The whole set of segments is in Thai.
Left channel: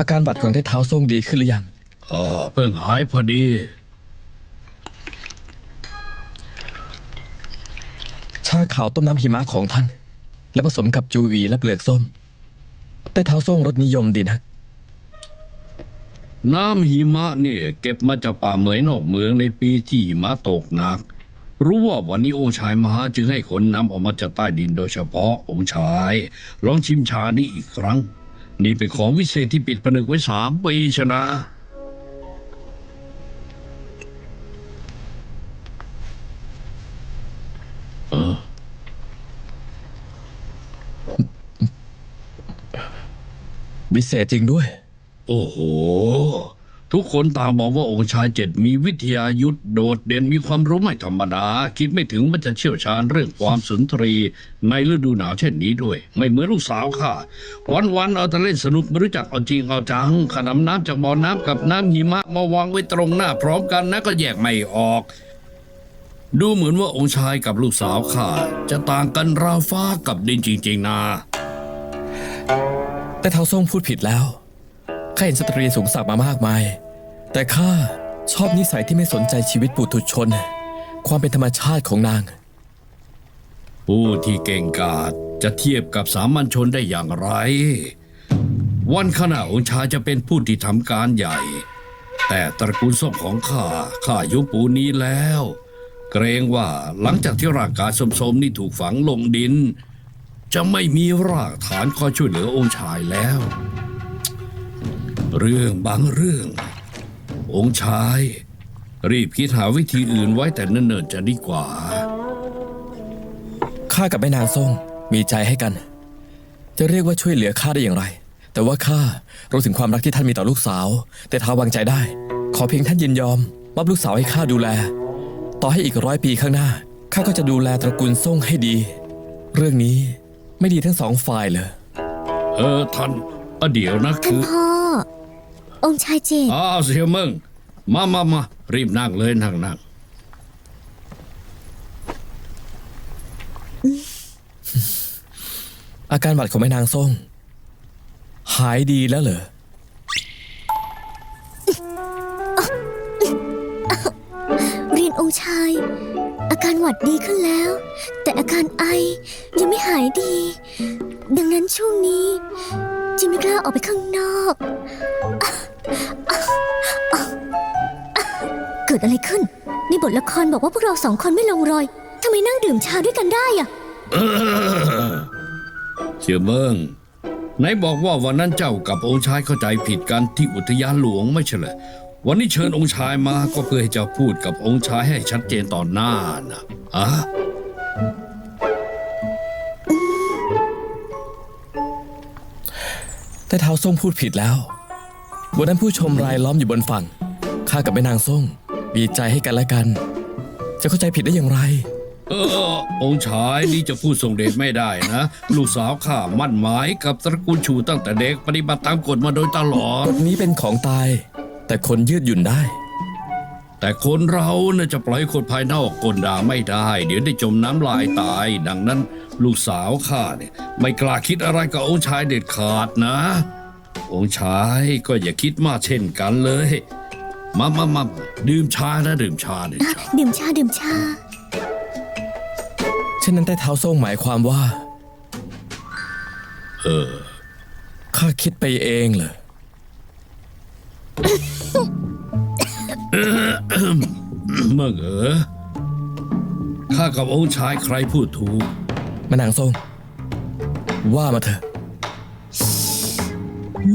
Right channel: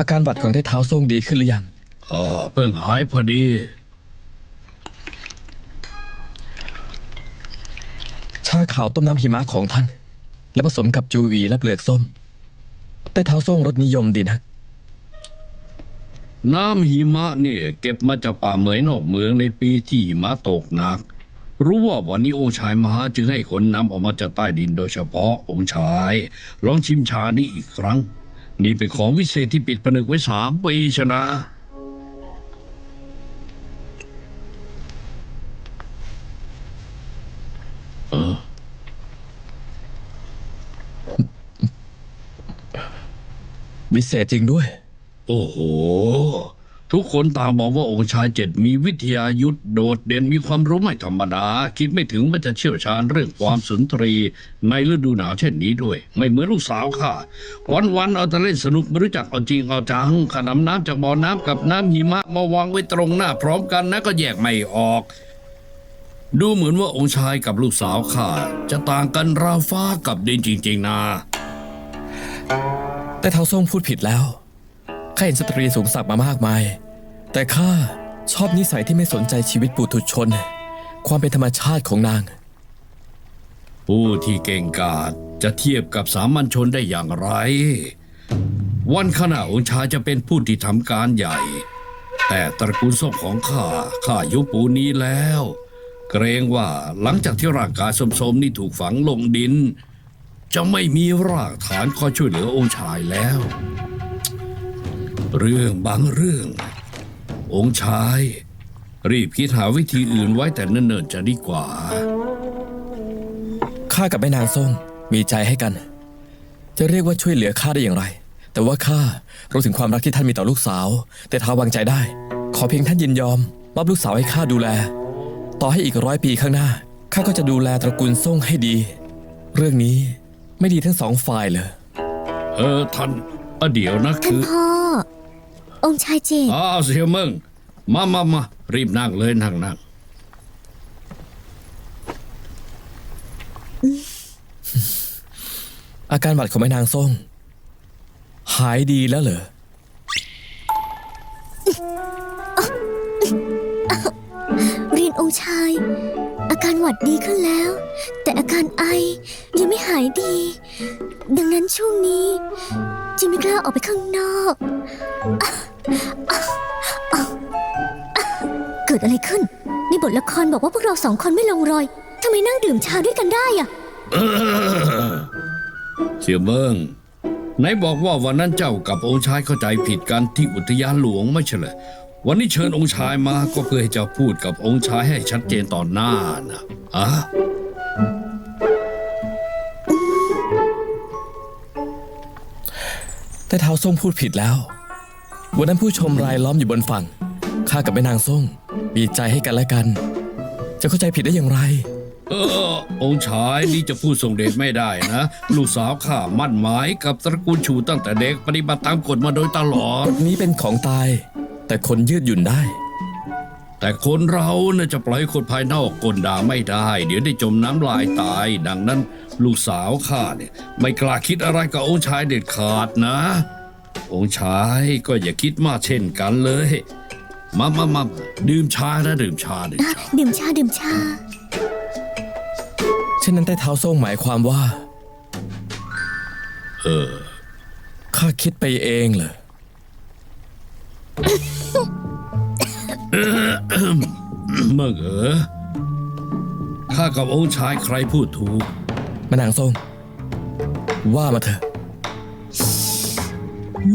อาการบาดของได้เท้าส่งดีขึ้นหรือยังอ๋อเพิ่งหายพอดี ชาขาวต้มน้ำหิมะของท่าน และผสมกับจูวีและเปลือกส้มได้เท้าส่งรสนิยมดีนะ น้ำหิมะเนี่ย เก็บมาจากป่าเหมยนอกเมืองในปีที่หิมะตกหนัก รู้ว่าวันนี้องค์ชายมาจึงให้คนนำออกมาจากใต้ดินโดยเฉพาะองค์ชาย ลองชิมชานี้อีกครั้ง นี่เป็นของวิเศษที่ปิดผนึกไว้สามปีชนะ วิเศษจริงด้วย โอ้โห ทุกคนต่างบอกว่าองค์ชายเจ็ดมีวิทยายุทธโดดเด่นมีความรู้ไม่ธรรมดา คิดไม่ถึงว่าจะเชี่ยวชาญเรื่องความสุนทรี ในฤดูหนาวเช่นนี้ด้วย ไม่เหมือนลูกสาวข้าวันวันเอาแต่เล่นสนุกไม่รู้จักเอาจริงเอาจังขนำน้ำจากบ่อน้ำกับน้ำหิมะมาวางไว้ตรงหน้าพร้อมกันนะก็แยกไม่ออก ดูเหมือนว่าองค์ชายกับลูกสาวข้าจะต่างกันราวฟ้ากับดินจริงๆนะแต่เท้าส่งพูดผิดแล้ว ข้าเห็นสตรีสูงสักดิ์มามากมาย แต่ข้าชอบนิสัยที่ไม่สนใจชีวิตปุถุชน ความเป็นธรรมชาติของนาง ผู้ที่เก่งกาจจะเทียบกับสามัญชนได้อย่างไร วันขณะองชายจะเป็นผู้ที่ทำการใหญ่ แต่ตระกูลส้มของข้าข้ายุคปูนี้แล้ว เกรงว่าหลังจากที่ร่างกายสมๆนี่ถูกฝังลงดิน จะไม่มีรากฐานคอยช่วยเหลือองชายแล้ว เรื่องบางเรื่อง องค์ชาย รีบคิดหาวิธีอื่นไว้แต่เนิ่นๆจะดีกว่า ข้ากับแม่นางส่งมีใจให้กัน จะเรียกว่าช่วยเหลือข้าได้อย่างไร แต่ว่าข้ารู้ถึงความรักที่ท่านมีต่อลูกสาว แต่ท้าวางใจได้ ขอเพียงท่านยินยอมมอบลูกสาวให้ข้าดูแล ต่อให้อีกร้อยปีข้างหน้าข้าก็จะดูแลตระกูลส่งให้ดี เรื่องนี้ไม่ดีทั้งสองฝ่ายเลย เออท่านเอ่อเดี๋ยวนะท่าคืนอพ่ อองค์ชายเจดอ้าวเสียมึงมามามารีบนั่งเลยนั่งนั่งอาการบาดของแม่นางส่ง หายดีแล้วเหรอ เรียนองค์ชาย อาการหวัดดีขึ้นแล้ว แต่อาการไอยังไม่หายดี ดังนั้นช่วงนี้ จิไม่กล้าออกไปข้างนอก เกิดอะไรขึ้น ในบทละครบอกว่าพวกเราสองคนไม่ลงรอย ทำไมนั่งดื่มชาด้วยกันได้อะเสียเบิ้งไหนบอกว่าวันนั้นเจ้ากับองค์ชายเข้าใจผิดกันที่อุทยานหลวงไม่ใช่เหรอวันนี้เชิญองค์ชายมาก็เพื่อให้เจ้าพูดกับองค์ชายให้ชัดเจนต่อหน้านะอะ แต่เท้าส้มพูดผิดแล้ว วันนั้นผู้ชมรายล้อมอยู่บนฝั่ง ข้ากับแม่นางส้มมีใจให้กันและกัน จะเข้าใจผิดได้อย่างไรเออองค์ชายนี่จะพูดส่งเดชไม่ได้นะ ลูกสาวข้ามั่นหมายกับตระกูลชูตั้งแต่เด็กปฏิบัติตามกฎมาโดยตลอด กฎนี้เป็นของตาย แต่คนยืดหยุ่นได้ แต่คนเราเนี่ยจะปล่อยให้คนภายนอกกลด่าไม่ได้ เดี๋ยวได้จมน้ำลายตาย ดังนั้น ลูกสาวข้าเนี่ยไม่กล้าคิดอะไรกับองค์ชายเด็ดขาดนะ องค์ชายก็อย่าคิดมากเช่นกันเลย มามามาดื่มชานะดื่มชาดื่มชาดื่มชาดื่มชาเช่นนั้นแต่เท้าส้มหมายความว่า เออข้าคิดไปเองเหรอ เมื่อเออข้ากับองค์ชายใครพูดถูกแม่นางส้มว่ามาเถอะ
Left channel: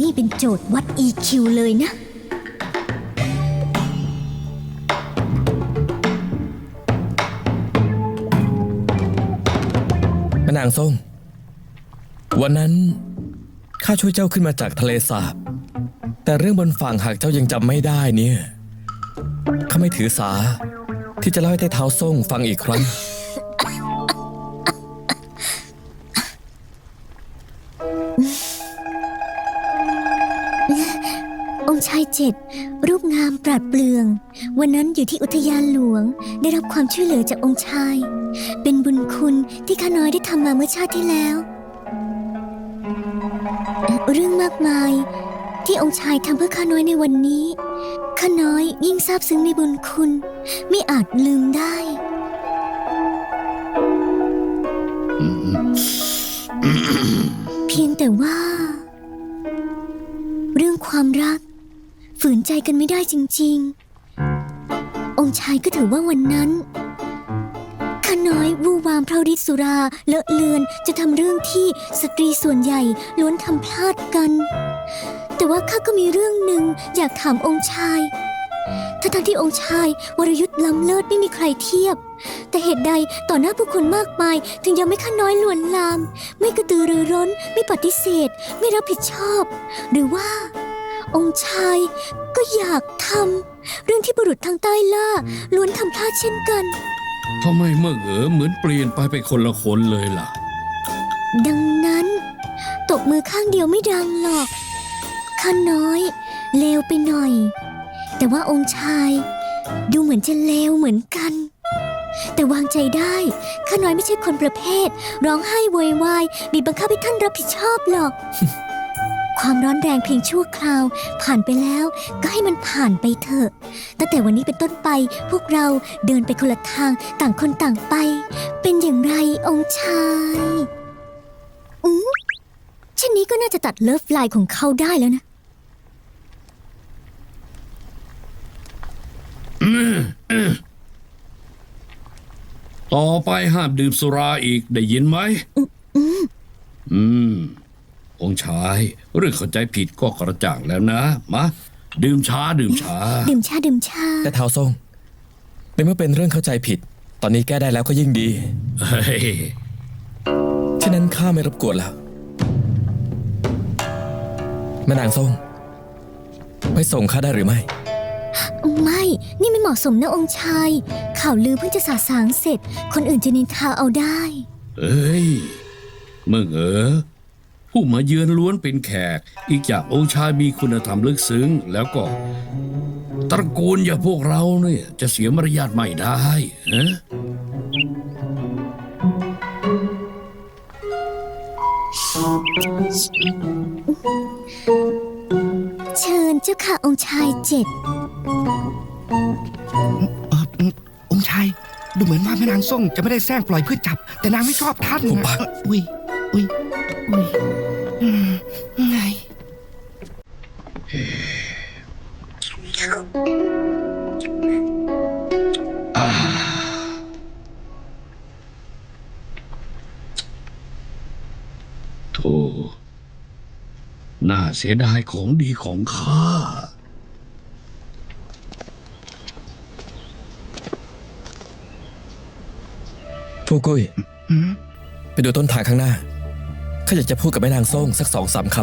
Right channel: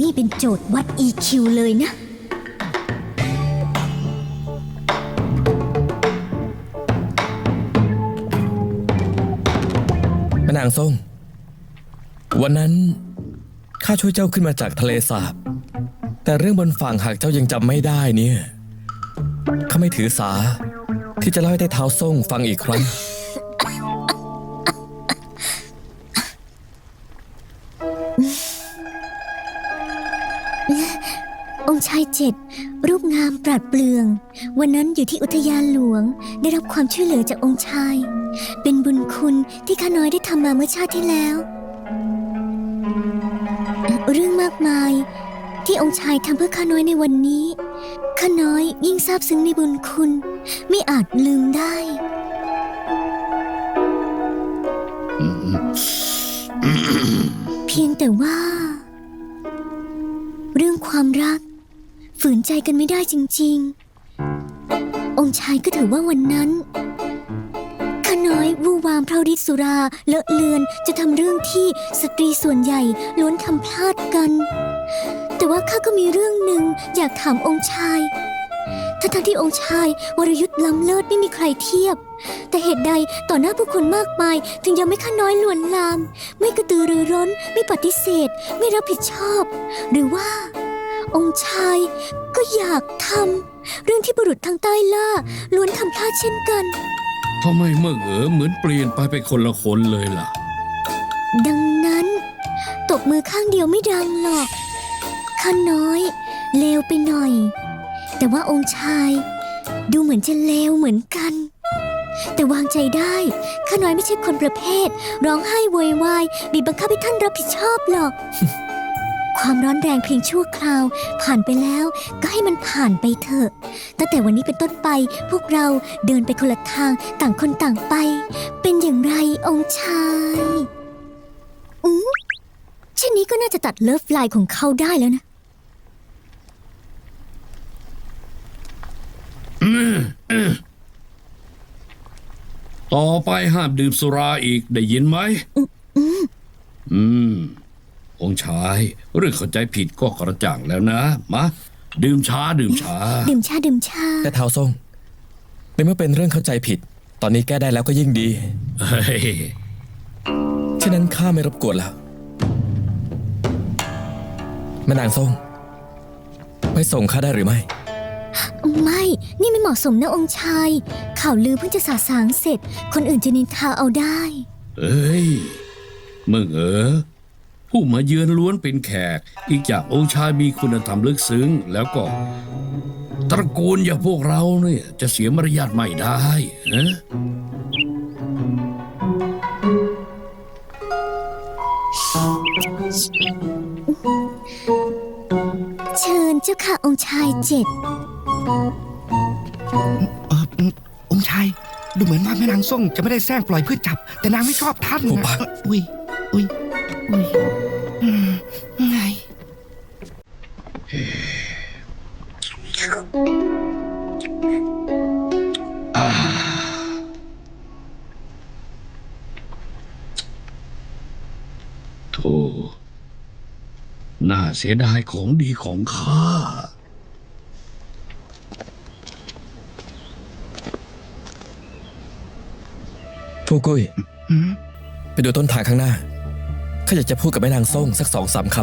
นี่เป็นโจทย์วัด EQ เลยนะ แม่นางส้มวันนั้นข้าช่วยเจ้าขึ้นมาจากทะเลสาบ แต่เรื่องบนฝั่งหากเจ้ายังจำไม่ได้เนี่ยข้า ไม่ถือสา ที่จะเล่าให้ได้เท้าส่งฟังอีกครั้ง องค์ชายเจ็ดรูปงามปราดเปรื่อง วันนั้นอยู่ที่อุทยานหลวง ได้รับความช่วยเหลือจากองค์ชาย เป็นบุญคุณที่ข้าน้อยได้ทำมาเมื่อชาติที่แล้ว เรื่องมากมายที่องค์ชายทำเพื่อข้าน้อยในวันนี้ ข้าน้อยยิ่งซาบซึ้งในบุญคุณ ไม่อาจลืมได้ เพียงแต่ว่า เรื่องความรัก ฝืนใจกันไม่ได้จริง ๆ องค์ชายก็ถือว่าวันนั้นข้าน้อยวู่วามเพราะฤทธิ์สุราเลอะเลือนจะทำเรื่องที่สตรีส่วนใหญ่ล้วนทำพลาดกัน แต่ว่าข้าก็มีเรื่อง หนึ่งอยากถามองค์ชายทั้งๆที่องค์ชายวรยุทธ์ล้ำเลิศไม่มีใครเทียบ แต่เหตุใดต่อหน้าผู้คนมากมาย ถึงยังไม่ข้าน้อยลวนลาม ไม่กระตือรือร้น ไม่ปฏิเสธ ไม่รับผิดชอบ หรือว่า องค์ชายก็อยากทำเรื่องที่บุรุษทางใต้ล่าล้วนทำพลาดเช่นกันทำไมเมื่อเหงอเหมือนเปลี่ยนไปเป็นคนละคนเลยล่ะ ดังนั้นตบมือข้างเดียวไม่ดังหรอกข้าน้อย เลวไปหน่อย แต่ว่าองค์ชาย ดูเหมือนจะเลวเหมือนกัน แต่วางใจได้ข้าน้อยไม่ใช่คนประเภท ร้องไห้โวยวายบีบบังคับให้ท่านรับผิดชอบหรอก ความร้อนแรงเพียงชั่วคราว ผ่านไปแล้วก็ให้มันผ่านไปเถอะตั้งแต่วันนี้เป็นต้นไปพวกเราเดินไปคนละทางต่างคนต่างไป เป็นอย่างไรองค์ชายอืมเช่นนี้ก็น่าจะตัดเลิฟไลน์ของเขาได้แล้วนะ ต่อไปห้ามดื่มสุราอีกได้ยินไหม อืม องค์ชาย เรื่องเข้าใจผิดก็กระจ่างแล้วนะ มา ดื่มช้าดื่มช้า ดื่มชาดื่มชา แต่เท้าทรงในเมื่อเป็นเรื่องเข้าใจผิด ตอนนี้แก้ได้แล้วก็ยิ่งดี เฮ้ยฉะนั้นข้าไม่รบกวนแล้วแม่นางทรงไปส่งข้าได้หรือไม่ ไม่ นี่ไม่เหมาะสมนะองค์ชาย ข่าวลือเพิ่งจะสาสางเสร็จ คนอื่นจะนินทาเอาได้เฮ้ยเมื่อเออผู้มาเยือนล้วนเป็นแขก อีกอย่างองค์ชายมีคุณธรรมลึกซึ้ง แล้วก็ ตระกูลอย่างพวกเราเนี่ยจะเสียมารยาทไม่ได้ฮะเชิญเจ้าค่ะองค์ชายเจ็ดาแม่นางส้มจะไม่ได้แซงปล่อยเพื่อจับ แต่นางไม่ชอบท่านผมปะอุ้ยอุ้ยอุ้ยอืมไงโธ่น่าเสียดายของดีของข้า ผู้กุ้ยอืมไปดูต้นทางข้างหน้าข้าอยากจะพูดกับแม่นางส่งสักสองสามค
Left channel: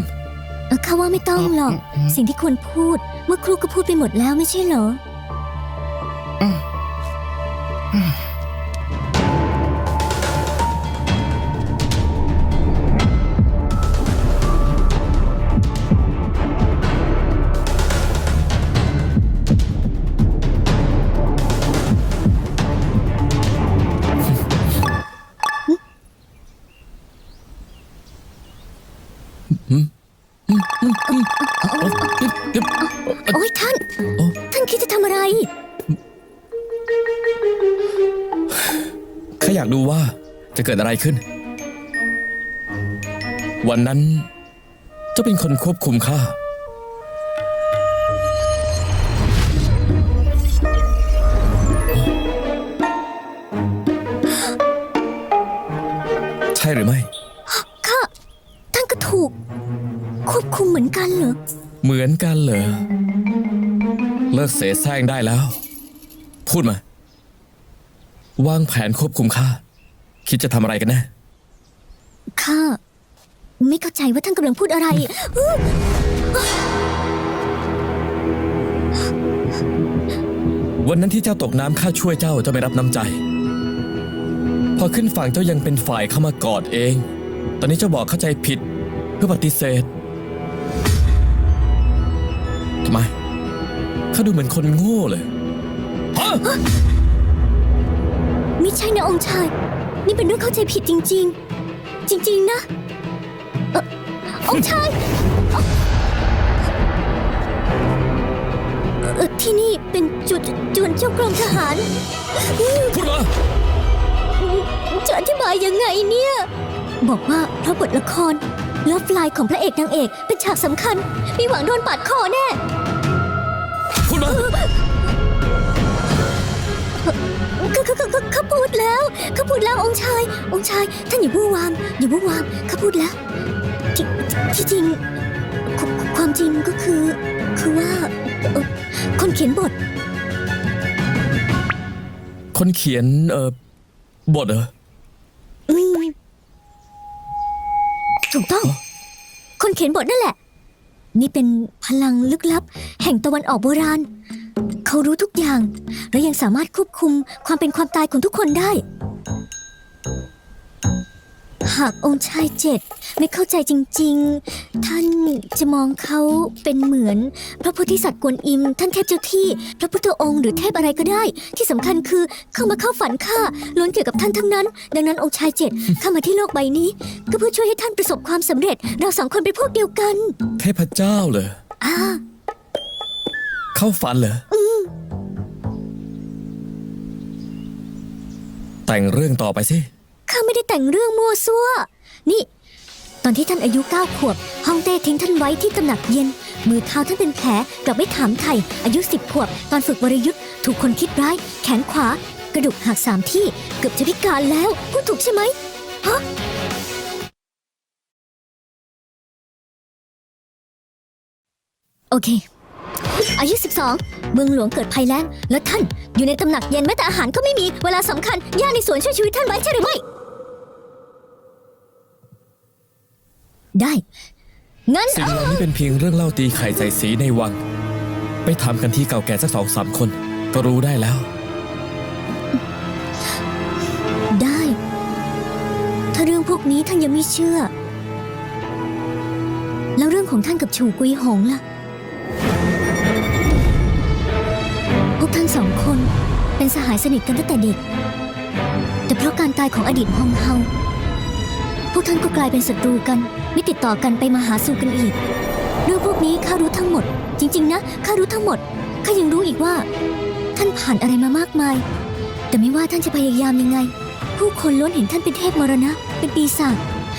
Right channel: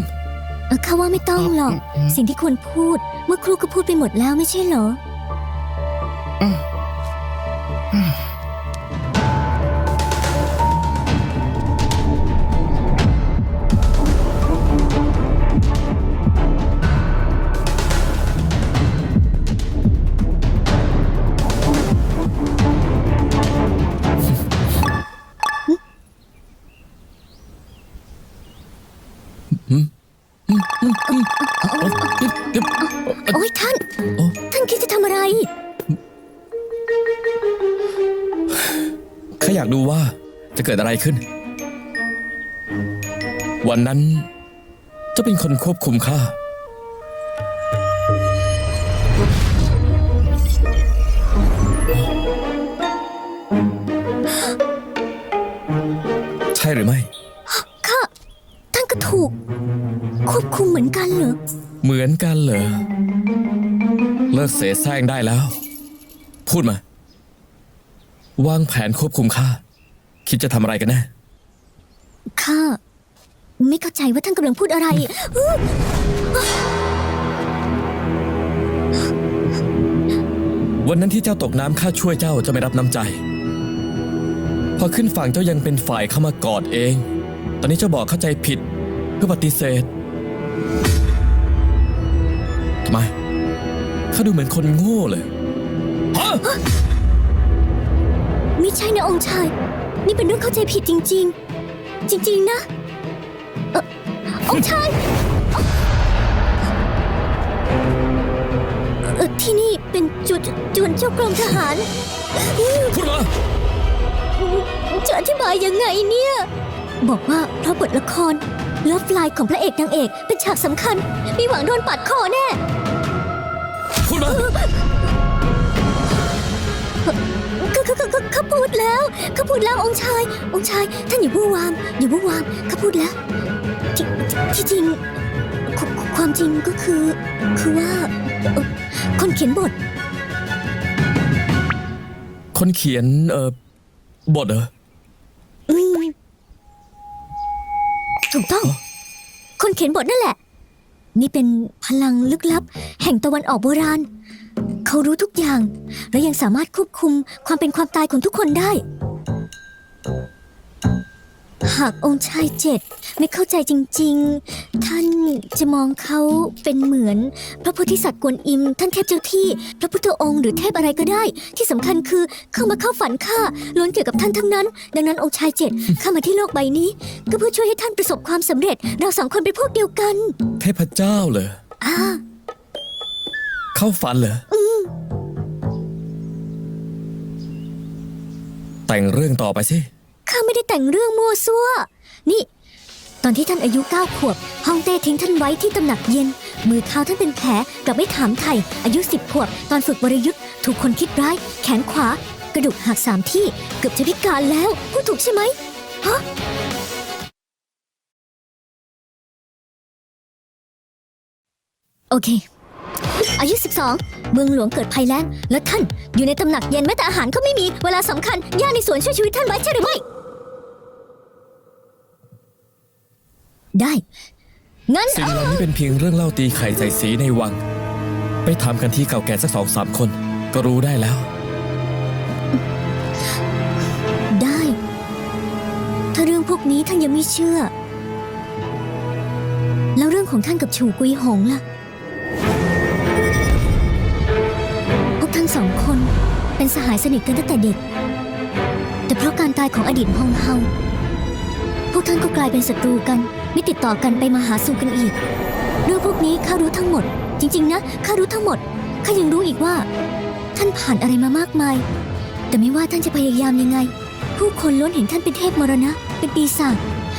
เออข้าว่าไม่ต้องหรอก สิ่งที่ควรพูด เมื่อครูก็พูดไปหมดแล้วไม่ใช่เหรอากดูว่าจะเกิดอะไรขึ้น วันนั้นเจะเป็นคนควบคุมข้าใช่หรือไม่ค่ะท่านก็ถูก ควบคุมเหมือนกันเหรอ เหมือนกันเหรอ เลิกเสแสร้งได้แล้ว พูดมา วางแผนควบคุมข้าคิดจะทำอะไรกันแน่ค่ะไม่เข้าใจว่าท่านกำลังพูดอะไร วันนั้นที่เจ้าตกน้ำข้าช่วยเจ้าเจ้าไปรับน้ำใจ พอขึ้นฝั่งเจ้ายังเป็นฝ่ายเข้ามากอดเอง ตอนนี้เจ้าบอกเข้าใจผิดเพื่อปฏิเสธทำไมข้าดูเหมือนคนโง่เลยฮะ ไม่ใช่นะองค์ชาย นี่เป็นเรื่องเข้าใจผิดจริง ๆ จริง ๆ นะเอ่อองค์ชายเออที่นี่เป็นจุดจวนเจ้ากรมทหารพูดมจะอธิบายยังไงเนี่ย บอกว่าพระบทละครเลิฟไลน์ของพระเอกนางเอกเป็นฉากสำคัญ มีหวังโดนปาดคอแน่ เขาเขาเขาเขาพูดแล้ว เขาพูดแล้วองค์ชาย องค์ชายท่านอย่าวู่วามอย่าวู่วามเขาพูดแล้ว ที่ที่จริงความความจริงก็คือคือว่าเอ่อคนเขียนบท คนเขียนเอ่อบทเหรอถูกต้องคนเขียนบทนั่นแหละ นี่เป็นพลังลึกลับ แห่งตะวันออกโบราณ เขารู้ทุกอย่าง และยังสามารถควบคุมความเป็นความตายของทุกคนได้ หากองค์ชายเจ็ดไม่เข้าใจจริง ๆ ท่านจะมองเขาเป็นเหมือน พระโพธิสัตว์กวนอิม ท่านเทพเจ้าที่พระพุทธองค์หรือเทพอะไรก็ได้ ที่สำคัญคือเข้ามาเข้าฝันข้าล้วนเกี่ยวกับท่านทั้งนั้น ดังนั้นองค์ชายเจ็ดเข้ามาที่โลกใบนี้ ก็เพื่อช่วยให้ท่านประสบความสำเร็จ เราสองคนเป็นพวกเดียวกันเทพเจ้าเหรออ่าเข้าฝันเหรออแต่งเรื่องต่อไปสิ ข้าไม่ได้แต่งเรื่องมั่วซั่ว นี่ ตอนที่ท่านอายุเก้าขวบฮองเต้ทิ้งท่านไว้ที่ตำหนักเย็น มือเท้าท่านเป็นแผลกลับไม่ถามไถ่อายุสิบขวบ ตอนฝึกวริยุทธ์ถูกคนคิดร้าย แขนขวา กระดูกหักสามที่เกับจะพิการแล้วพูดถูกใช่ไหมฮะโอเค อายุ 12 เมืองหลวงเกิดภัยแล้งและท่านอยู่ในตำหนักเย็นแม้แต่อาหารก็ไม่มี เวลาสำคัญย่าในสวนช่วยชีวิตท่านไว้ใช่หรือไม่ ได้ งั้นสิ่งเหล่านี้เป็นเพียงเรื่องเล่าตีไข่ใส่สีในวัง ไปถามกันที่เก่าแก่สักสองสามคน ก็รู้ได้แล้ว ได้ ถ้าเรื่องพวกนี้ท่านยังไม่เชื่อ แล้วเรื่องของท่านกับชูกุยหงล่ะ พวกท่านสองคนเป็นสหายสนิทกันตั้งแต่เด็ก แต่เพราะการตายของอดีตฮงเฮาพ วกท่านก็กลายเป็นศัตรูกัน ไม่ติดต่อกันไปมาหาสู่กันอีกเรื่องพวกนี้ข้ารู้ทั้งหมด จริง ๆ นะข้ารู้ทั้งหมดข้ายังรู้อีกว่า ท่านผ่านอะไรมามากมาย แต่ไม่ว่าท่านจะพยายามยังไง ผู้คนล้วนเห็นท่านเป็นเทพมรณะ เป็นปีศาจ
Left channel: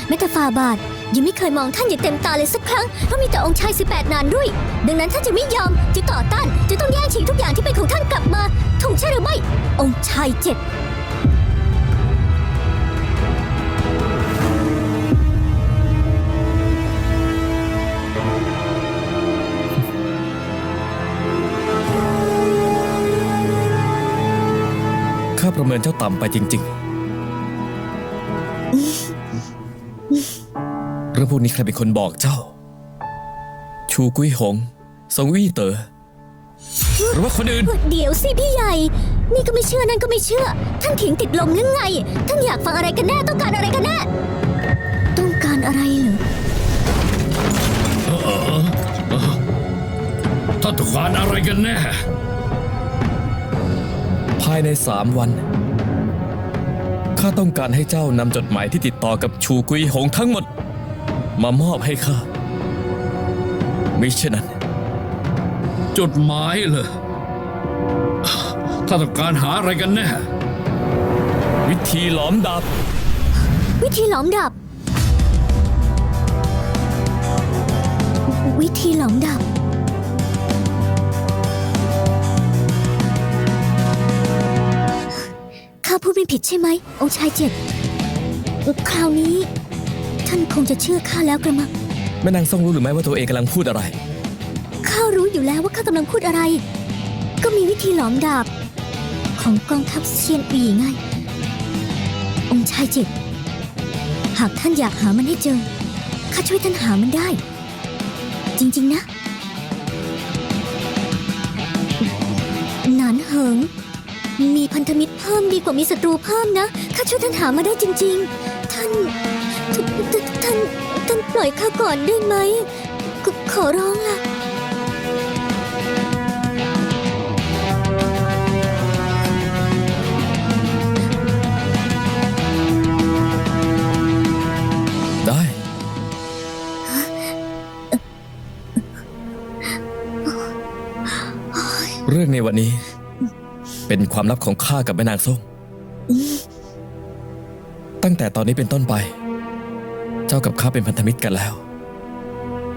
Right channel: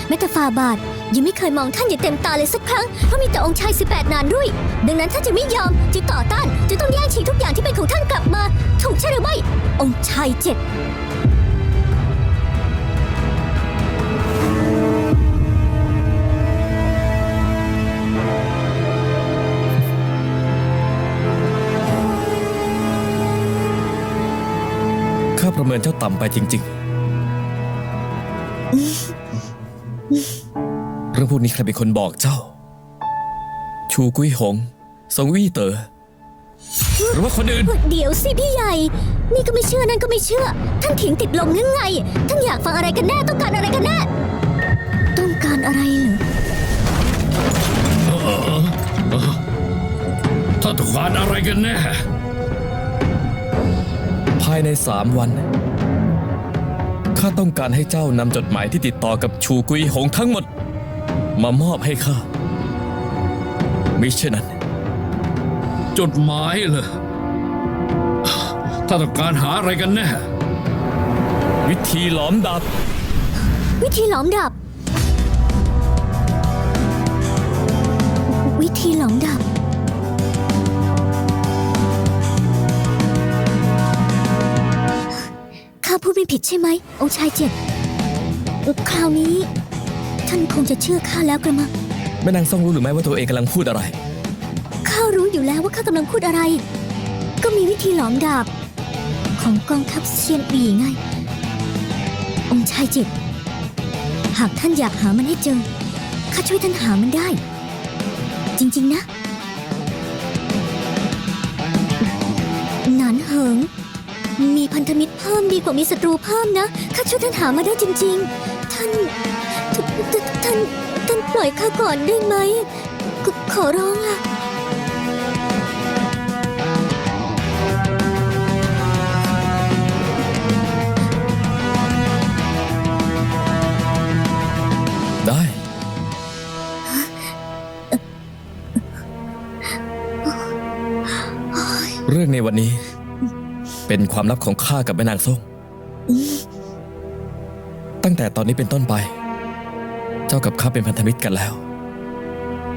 แม้แต่ฝ่าบาทยังไม่เคยมองท่านอย่างเต็มตาเลยสักครั้งเพราะมีแต่องค์ชาย18นานด้วย ดังนั้นท่านจะไม่ยอมจะต่อต้านจะต้องแย่งชิงทุกอย่างที่เป็นของท่านกลับมา ถูกใช่หรือไม่องค์ชายเจ็ด จ้าต่ำไปจริงๆ เรื่องพวกนี้ใครเป็นคนบอกเจ้า ชูกุ้ยหงสงวี่เตอ๋อหรือว่าคนอื่น เดี๋ยวสิพี่ใหญ่ นี่ก็ไม่เชื่อนั่นก็ไม่เชื่อ ท่านถิงติดลมหรือไง ท่านอยากฟังอะไรกันแน่ ต้องการอะไรกันแน่ ต้องการอะไรเหรอถ้าต้องการอะไรกันแน่ ภายในสามวันข้า ต้องการให้เจ้านำจดหมายที่ติดต่อกับชูกุยหงทั้งหมด มามอบให้ข้าไม่เช่นนั้น จดหมายเหรอถ้าต้องการหาอะไรกันแน่ วิธีหลอมดาบวิธีหลอมดาบ พูดไม่ผิดใช่ไหมองค์ชายเจ็ดคราวนี้ ท่านคงจะเชื่อข้าแล้วกระมังแม่นางทรงรู้หรือไม่ว่าตัวเองกำลังพูดอะไร ข้ารู้อยู่แล้วว่าข้ากำลังพูดอะไร ก็มีวิธีหลอมดาบ ของกองทัพเซียนปีไง องค์ชายเจ็ดหากท่านอยากหามันให้เจอ ข้าช่วยท่านหามันได้ จริงๆนะ หนานเหิงมีพัน ธมิตรเพิ่มดีกว่ามีศัตรูเพิ่มนะ ข้าช่วยท่านหามาได้จริง ๆ ท่านท่านท่านท่านปล่อยข้าก่อนได้ไหมขอขอร้องล่ะ ได้โอ๊ยวันนี้ เป็นความลับของข้ากับแม่นางส้มตั้งแต่ตอนนี้เป็นต้นไป เจ้ากับข้าเป็นพันธมิตรกันแล้ว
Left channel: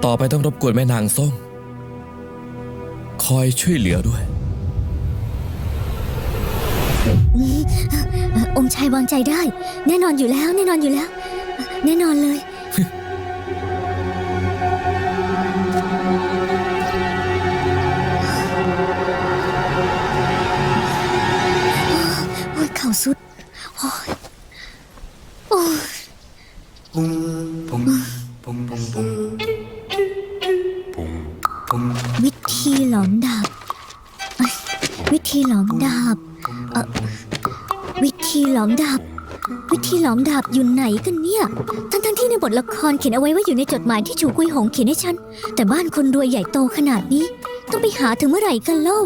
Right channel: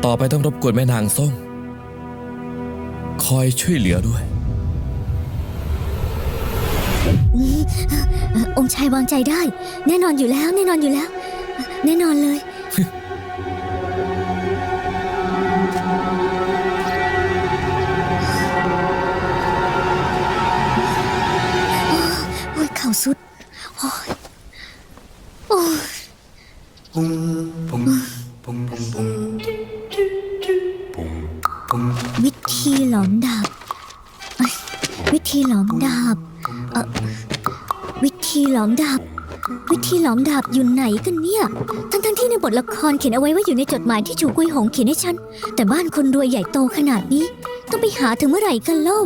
ต่อไปต้องรบกวนแม่นางส้ม คอยช่วยเหลือด้วย องค์ชายวางใจได้ แน่นอนอยู่แล้ว แน่นอนอยู่แล้ว แน่นอนเลยโอ้ย ทละครเขียนเอาไว้ว่าอยู่ในจดหมายที่จูกุยหงเขียนให้ฉัน แต่บ้านคนรวยใหญ่โตขนาดนี้ ต้องไปหาถึงเมื่อไหร่กันเล่า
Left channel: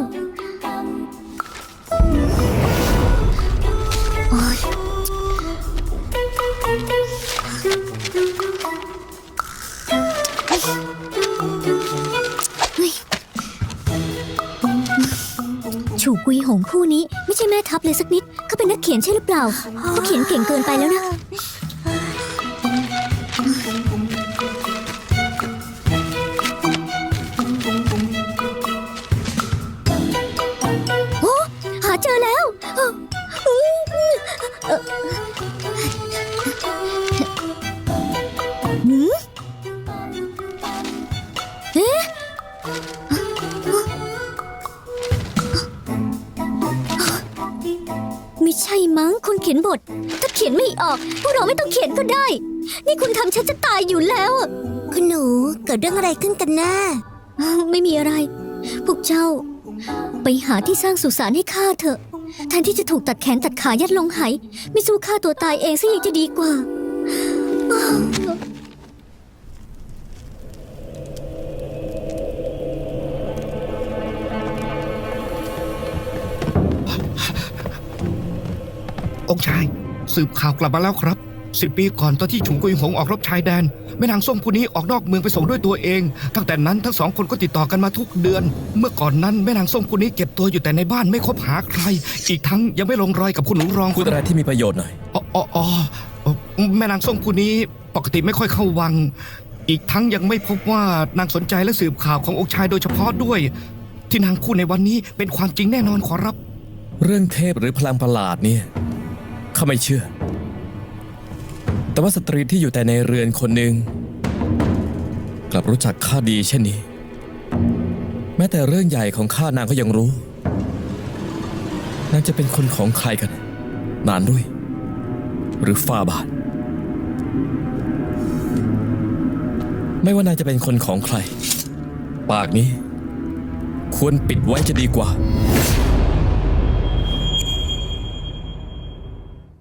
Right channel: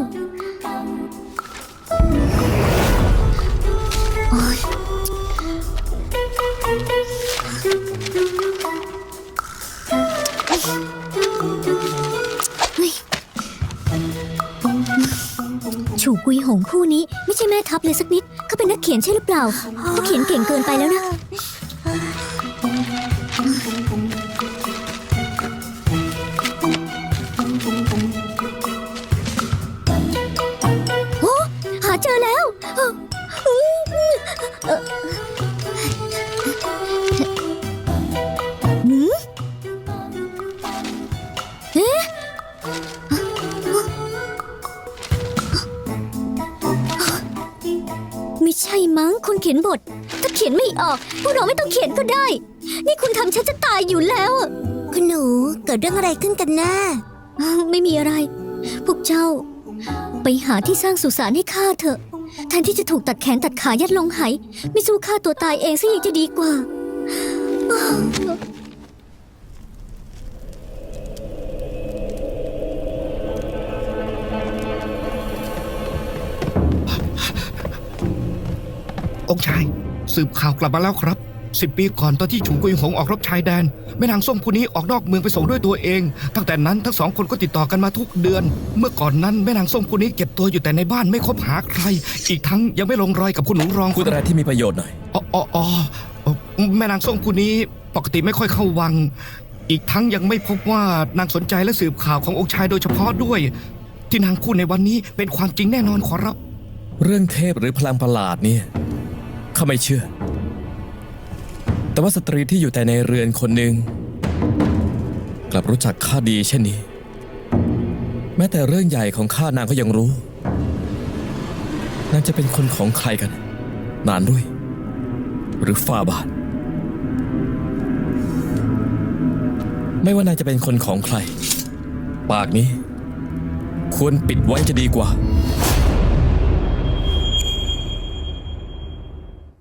ชูกุยหงคู่นี้ ไม่ใช่แม่ทัพเลยสักนิดเขาเป็นนักเขียนใช่หรือเปล่าเขาเขียนเก่งเกินไปแล้วนะ มั้งคุณเขียนบท ถ้าเขียนไม่ออกพวกเราไม่ต้องเขียนก็ได้ นี่คุณทำฉันจะตายอยู่แล้วคุณหนูเกิดเรื่องอะไรขึ้นกันนะไม่มีอะไร พวกเจ้า ไปหาที่สร้างสุสานให้ข้าเถอะ แทนที่จะถูกตัดแขนตัดขายัดลงไหไม่สู้ฆ่าตัวตายเองซะยังจะดีกว่า องค์ชาย สืบข่าวกลับมาแล้วครับสิบปีก่อนตอนที่ฉุงกุยหงออกรบชายแดนแม่นางส้มคนนี้ออกนอกเมืองไปส่งด้วยตัวเอง ตั้งแต่นั้นทั้งสองคนก็ติดต่อกันมาทุกเดือน เมื่อก่อนนั้นแม่นางส้มคนนี้เก็บตัวอยู่แต่ในบ้านไม่คบหาใคร อีกทั้งยังไม่ลงรอยกับคุณหนูรองพูดอะไรที่มีประโยชน์หน่อยอ๋ออ๋ออ๋อแม่นางส้มคนนี้ปกติไม่ค่อยเข้าวัง อีกทั้งยังไม่พบว่านางสนใจและสืบข่าวขององค์ชายโดยเฉพาะด้วย ที่นางพูดในวันนี้เป็นความจริงแน่นอนขอรับ เรื่องเทพหรือพลังประหลาดเนี่ย ข้าไม่เชื่อ แต่ว่าสตรีที่อยู่แต่ในเรือนคนหนึ่งกลับรู้จักข้าดีเช่นนี้ แม้แต่เรื่องใหญ่ของข้านางก็ยังรู้นางจะเป็นคนของใครกัน นานด้วย หรือฟาบาทไม่ว่านางจะเป็นคนของใคร ปากนี้ ควรปิดไว้จะดีกว่า